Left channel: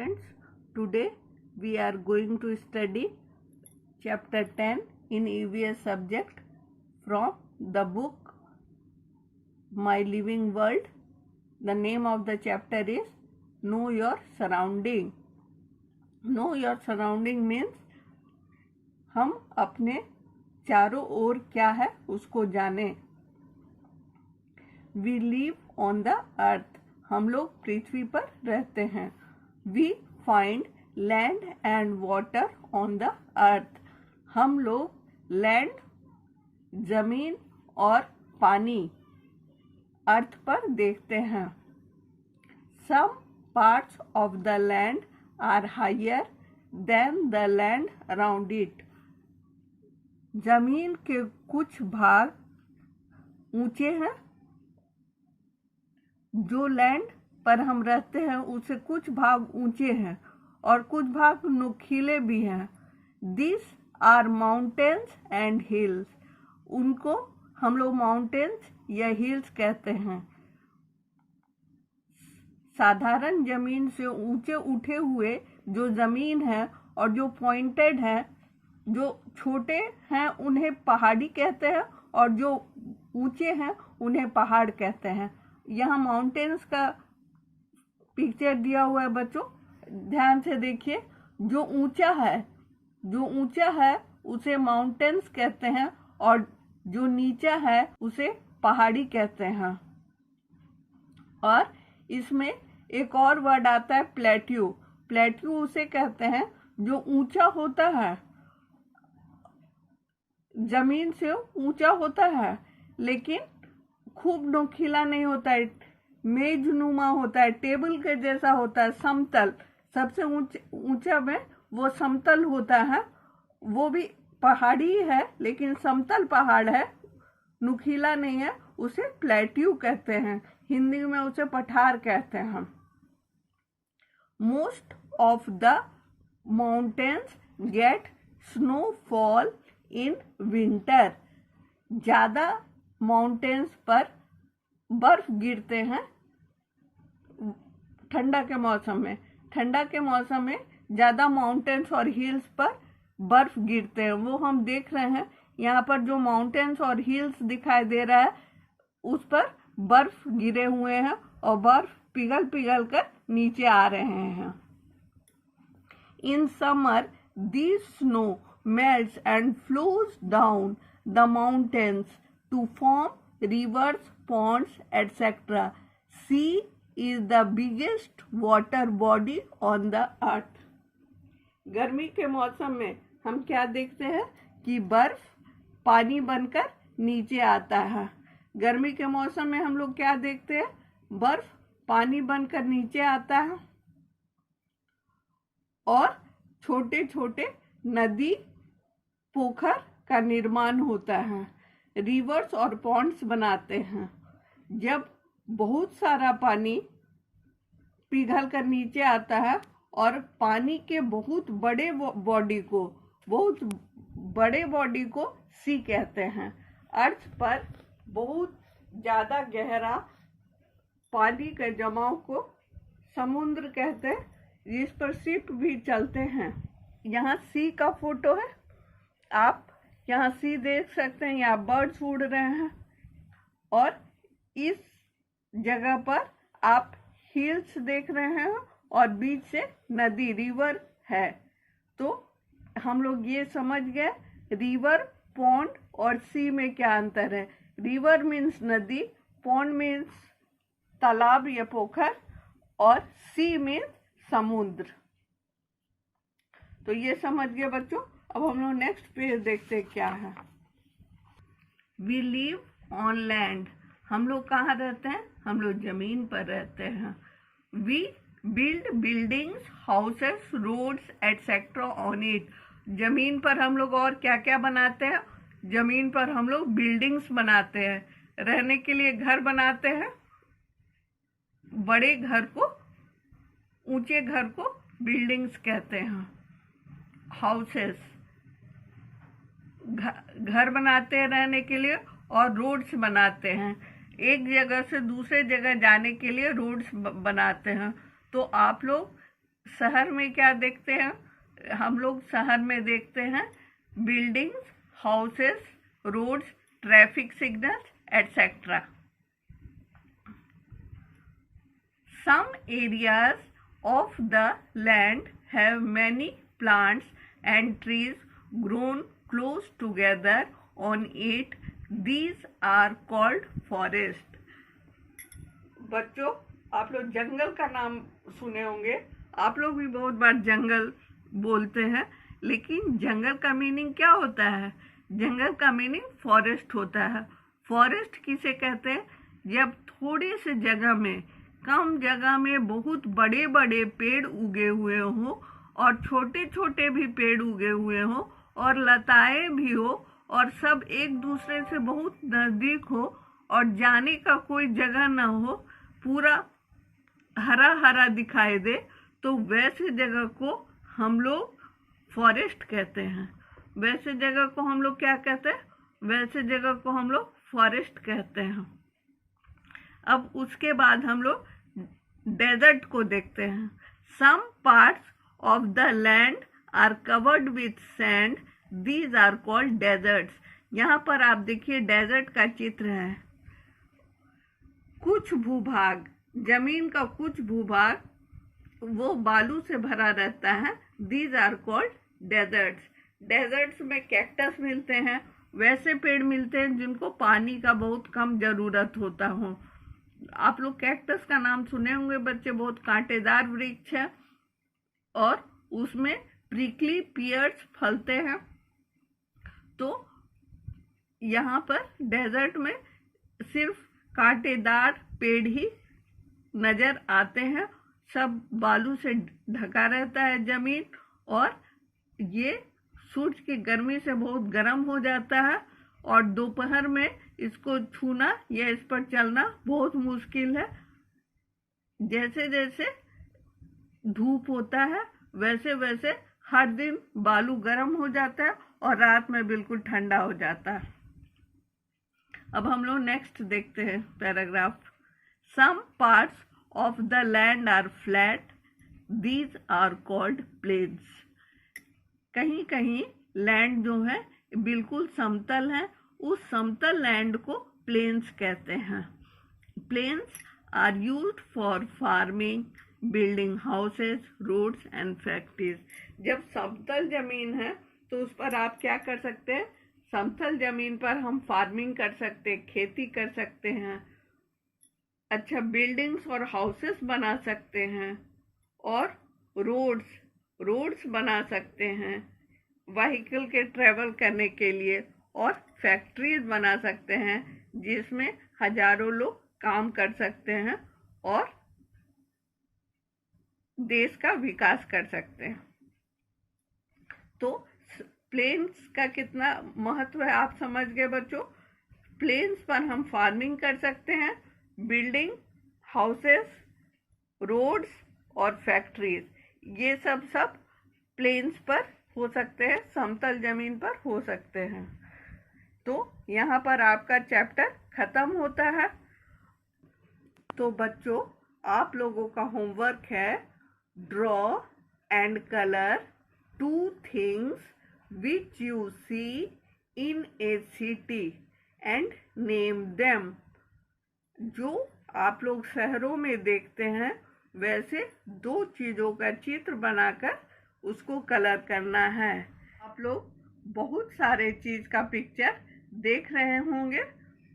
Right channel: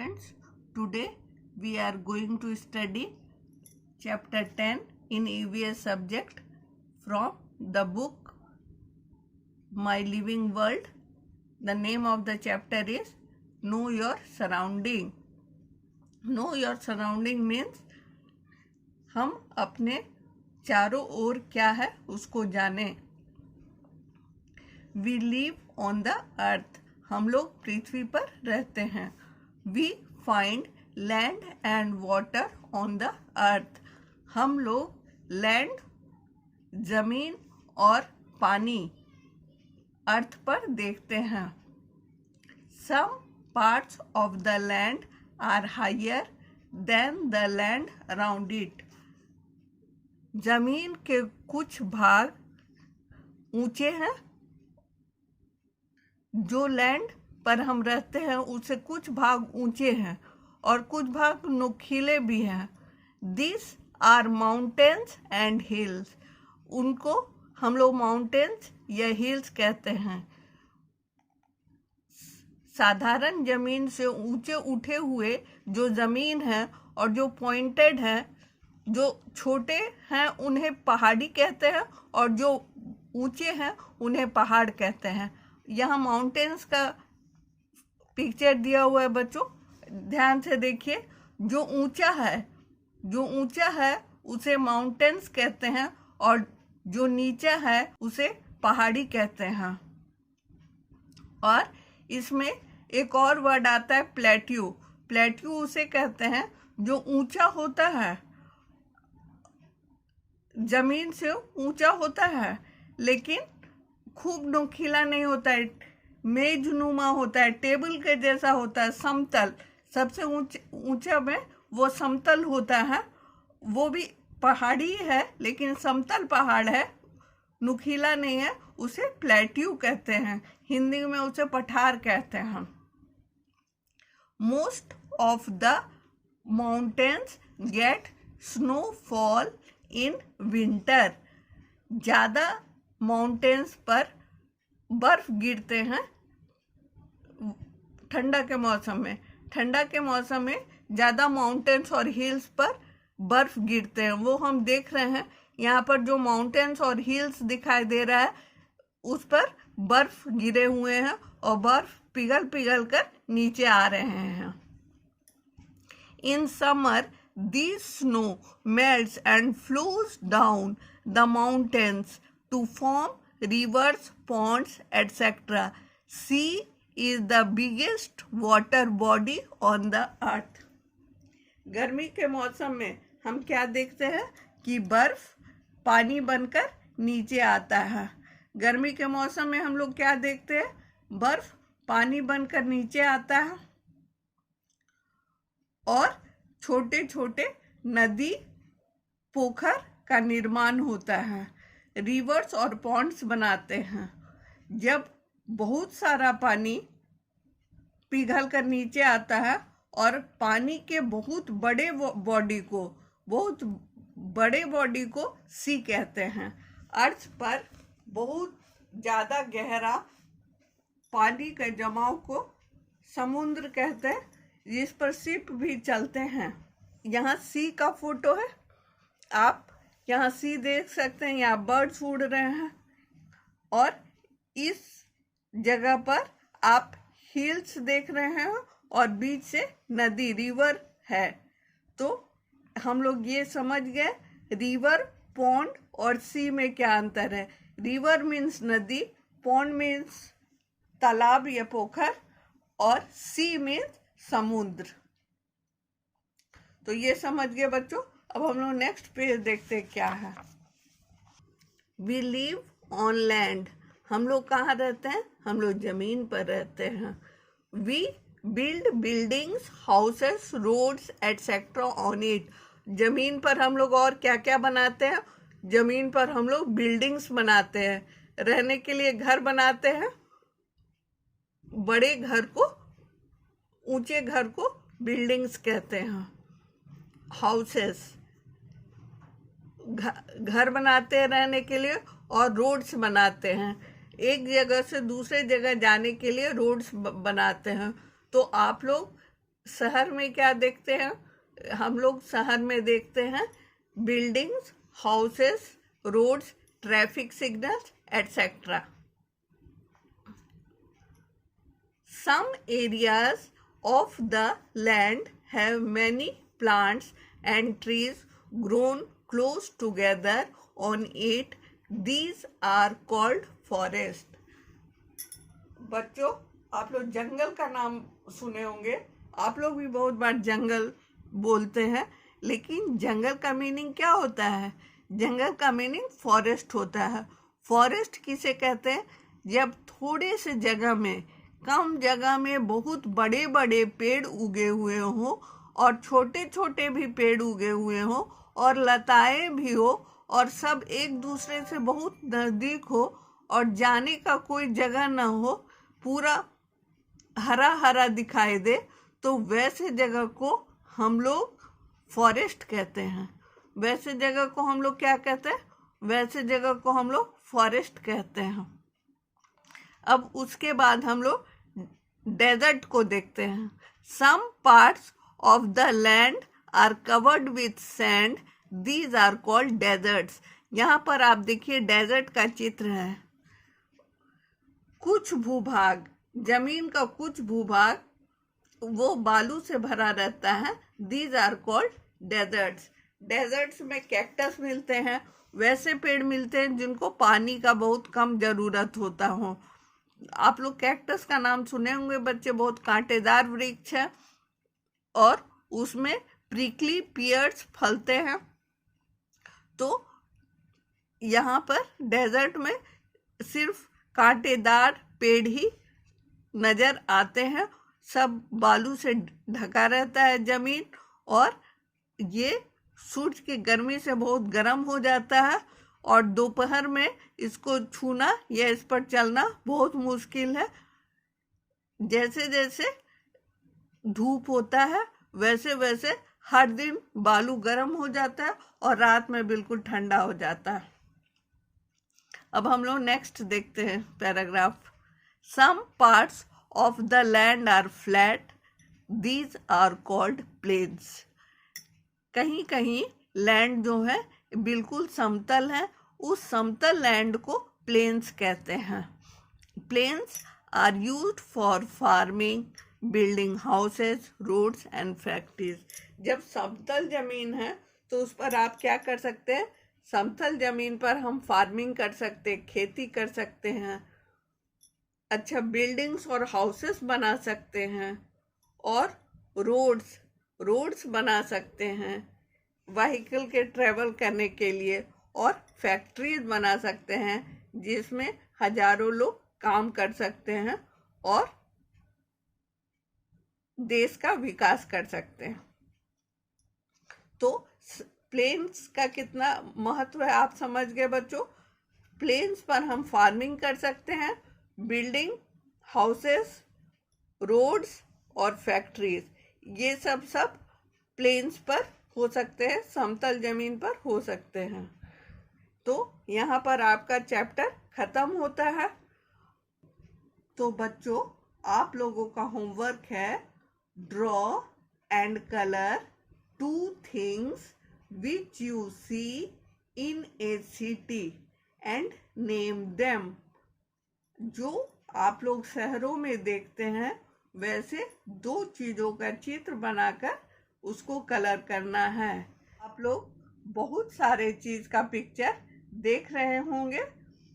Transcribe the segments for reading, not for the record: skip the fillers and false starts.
students, today we are going to study chapter 10 in EVS subject from the book My Living World. The name of the chapter is Know Your Surrounding. Know Your Surrounding means हम अपने चारों ओर क्या है उसको जाने. We live on the earth. हम लोग पृथ्वी पर रहते हैं. We find land and water on the earth. हम लोग लैंड जमीन और पानी अर्थ पर देखते हैं. Some parts of the land are higher than the land around it. जमीन के कुछ भाग ऊंचे हैं. जो लैंड पर हम रहते हैं उससे कुछ भाग ऊंचे हैं और कुछ भाग नुकीले भी हैं. This are mountains and hills. उनको हम लोग माउंटेन्स या हिल्स कहते हैं. साधारण जमीन से ऊंचे उठे हुए जो जमीन है और जो पॉइंटेड है, जो छोटे हैं उन्हें पहाड़ी कहते हैं और जो ऊंचे हैं उन्हें पहाड़ कहते हैं. यहाँ माउंटेन्स का पिक्चर दिया हुआ है बच्चों, ध्यान से देखिए. जो ऊंचा है उसे माउंटेन्स कहते हैं और जो नीचा है उसे पहाड़ी कहते हैं. और इसमें एक और वर्ड आता है प्लेट्यू. प्लेट्यू उसे कहते हैं जो ऊंचा होता है, जमीन से ऊंचा होता है लेकिन खूब नुकीला नहीं होता है, मेजनुमा होता है, टेबल के जैसा होता है, समतल. सबसे ऊंचा में वो समतल होता है. वो भी पहाड़ी है लेकिन समतल पहाड़ है, नुकीला नहीं है. उसे प्लेट्यू कहते हैं. हिंदी में उसे पठार कहते हैं. Most of the mountains get snowfall in winter. ज़्यादा माउंटेन्स पर बर्फ गिरते हैं ठंडा के मौसम में. ठंडा के मौसम में ज़्यादा माउंटेन्स और हिल्स पर बर्फ गिरते हैं. वो हम देख रहे हैं यहाँ पर जो माउंटेन्स और हिल्स दिखाई दे रहा है उस पर बर्फ गिरे हुए हैं और बर्फ पिघल पिघल कर नीचे आ रहे हैं. In summer this snow melts and flows down the mountains to form rivers, ponds, etc. Sea is the biggest water body on the earth. गर्मी के मौसम में हम क्या देखते हैं कि बर्फ पानी बनकर नीचे आता है. गर्मी के मौसम में हम लोग क्या देखते हैं, बर्फ पानी बनकर नीचे आता है और छोटे छोटे नदी पोखर का निर्माण होता है. रिवर्स और पॉन्ड्स बनाते हैं. जब बहुत सारा पानी पिघल कर नीचे आता है और पानी के बहुत बड़े बॉडी को सी कहते हैं. अर्थ पर बहुत ज़्यादा गहरा पानी के जमाव को समुद्र कहते हैं, जिस पर शिप भी चलते हैं. यहाँ सी का फोटो है. आप यहाँ सी देख सकते हैं. यहाँ बर्ड्स उड़ रहे हैं और इस जगह पर आप हिल्स देख रहे हैं और बीच से नदी रिवर है. तो हम लोग ये समझ गए रिवर, पॉन्ड और सी में क्या अंतर है. रिवर मीन्स नदी, पॉन्ड मीन्स तालाब या पोखर और सी मीन्स समुद्र. तो ये समझ गए बच्चों. अब हम लोग नेक्स्ट पेज देखते हैं क्या है. We live on land. हम लोग कहाँ रहते हैं, हम लोग जमीन पर रहते हैं. We build buildings, houses, roads etcetera on it. जमीन पर हम लोग और क्या क्या बनाते हैं, जमीन पर हम लोग बिल्डिंग्स बनाते हैं. रहने के लिए घर बनाते हैं. बड़े घर को, ऊंचे घर को बिल्डिंग्स कहते हैं. हाउसेस घर बनाते हैं रहने के लिए और रोड्स बनाते हैं. एक जगह से दूसरे जगह जाने के लिए रोड्स बनाते हैं. तो आप लोग शहर में क्या देखते हैं? हम लोग शहर में देखते हैं buildings, houses, roads, traffic signals etcetera. Some areas of the land have many plants and trees grown close together on it. These are called forest. बच्चों, आप लोग जंगल का नाम सुने होंगे. आप लोग भी बहुत बार जंगल बोलते हैं, लेकिन जंगल का मीनिंग क्या होता है? जंगल का मीनिंग फॉरेस्ट होता है. फॉरेस्ट किसे कहते हैं? जब थोड़े से जगह में, कम जगह में बहुत बड़े बड़े पेड़ उगे हुए हों और छोटे छोटे भी पेड़ उगे हुए हों और लताएं भी हो और सब एक दूसरे से बहुत नज़दीक हो और जाने का कोई जगह ना हो, पूरा हरा हरा दिखाई दे, तो वैसे जगह को हम लोग फॉरेस्ट कहते हैं. वैसे जगह को हम लोग क्या कहते हैं? वैसे जगह को हम लोग फॉरेस्ट कहते हैं. अब उसके बाद हम लोग डेजर्ट को देखते हैं. Some parts of the land are covered with sand. These are called deserts. यहाँ पर आप देखिए डेजर्ट का चित्र है. कुछ भूभाग, जमीन का कुछ भूभाग वो बालू से भरा रहता है. These are called deserts. Deserts में कैक्टस मिलते हैं, वैसे पेड़ मिलते हैं जिनको पानी का बहुत कम ज़रूरत होता हो. आप लोग कैक्टस का नाम सुने होंगे बच्चे. बहुत कांटेदार वृक्ष है और उसमें प्रिकली पियर्स फलते हैं. तो यहाँ पर डेजर्ट में सिर्फ कांटेदार पेड़ ही नज़र आते हैं. सब बालू से ढका रहता है ज़मीन और ये सूरज की गर्मी से बहुत गर्म हो जाता है और दोपहर में इसको छूना या इस पर चलना बहुत मुश्किल है. जैसे जैसे धूप होता है वैसे वैसे हर दिन बालू गर्म हो जाता है और रात में बिल्कुल ठंडा हो जाता है. अब हम लोग नेक्स्ट देखते हैं paragraph. Some parts of the land are flat. These are called plains. कहीं कहीं लैंड जो है बिल्कुल समतल है, उस समतल लैंड को प्लेन्स कहते हैं. Plains are used for farming, building houses, roads and factories. जब समतल जमीन है तो उस पर आप क्या कर सकते हैं? समतल जमीन पर हम फार्मिंग कर सकते हैं, खेती कर सकते हैं, अच्छा बिल्डिंग्स और हाउसेस बना सकते हैं और रोड्स बना सकते हैं व्हीकल के ट्रेवल करने के लिए, और फैक्ट्रीज बना सकते हैं जिसमें हजारों लोग काम कर सकते हैं और देश का विकास कर सकते हैं. तो प्लेन्स का कितना महत्व है आप समझ गए बच्चों. प्लेन्स पर हम फार्मिंग कर सकते हैं, बिल्डिंग, हाउसेस, रोड्स और फैक्ट्रीज, ये सब प्लेन्स पर हो सकते हैं, समतल जमीन पर हो सकते हैं. तो यहाँ पर आपका चैप्टर खत्म होता है. तो बच्चों आप लोगों का होमवर्क है draw and colour 2 things which you see in a city and name them. जो आप लोग शहरों में देखते हैं वैसे 2 चीज़ों का चित्र बनाकर उसको कलर करना है. आप लोग बहुत सारे चीज़ का पिक्चर देख रहे होंगे,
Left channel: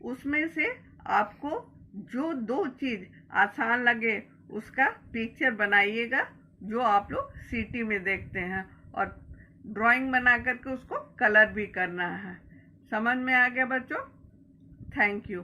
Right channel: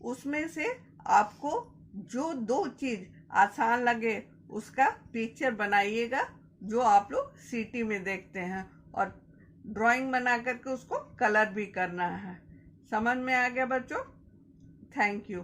उसमें से आपको जो 2 चीज़ आसान लगे उसका पिक्चर बनाइएगा जो आप लोग सिटी में देखते हैं, और ड्राइंग बना करके उसको कलर भी करना है. समझ में आ गया बच्चों? Thank you.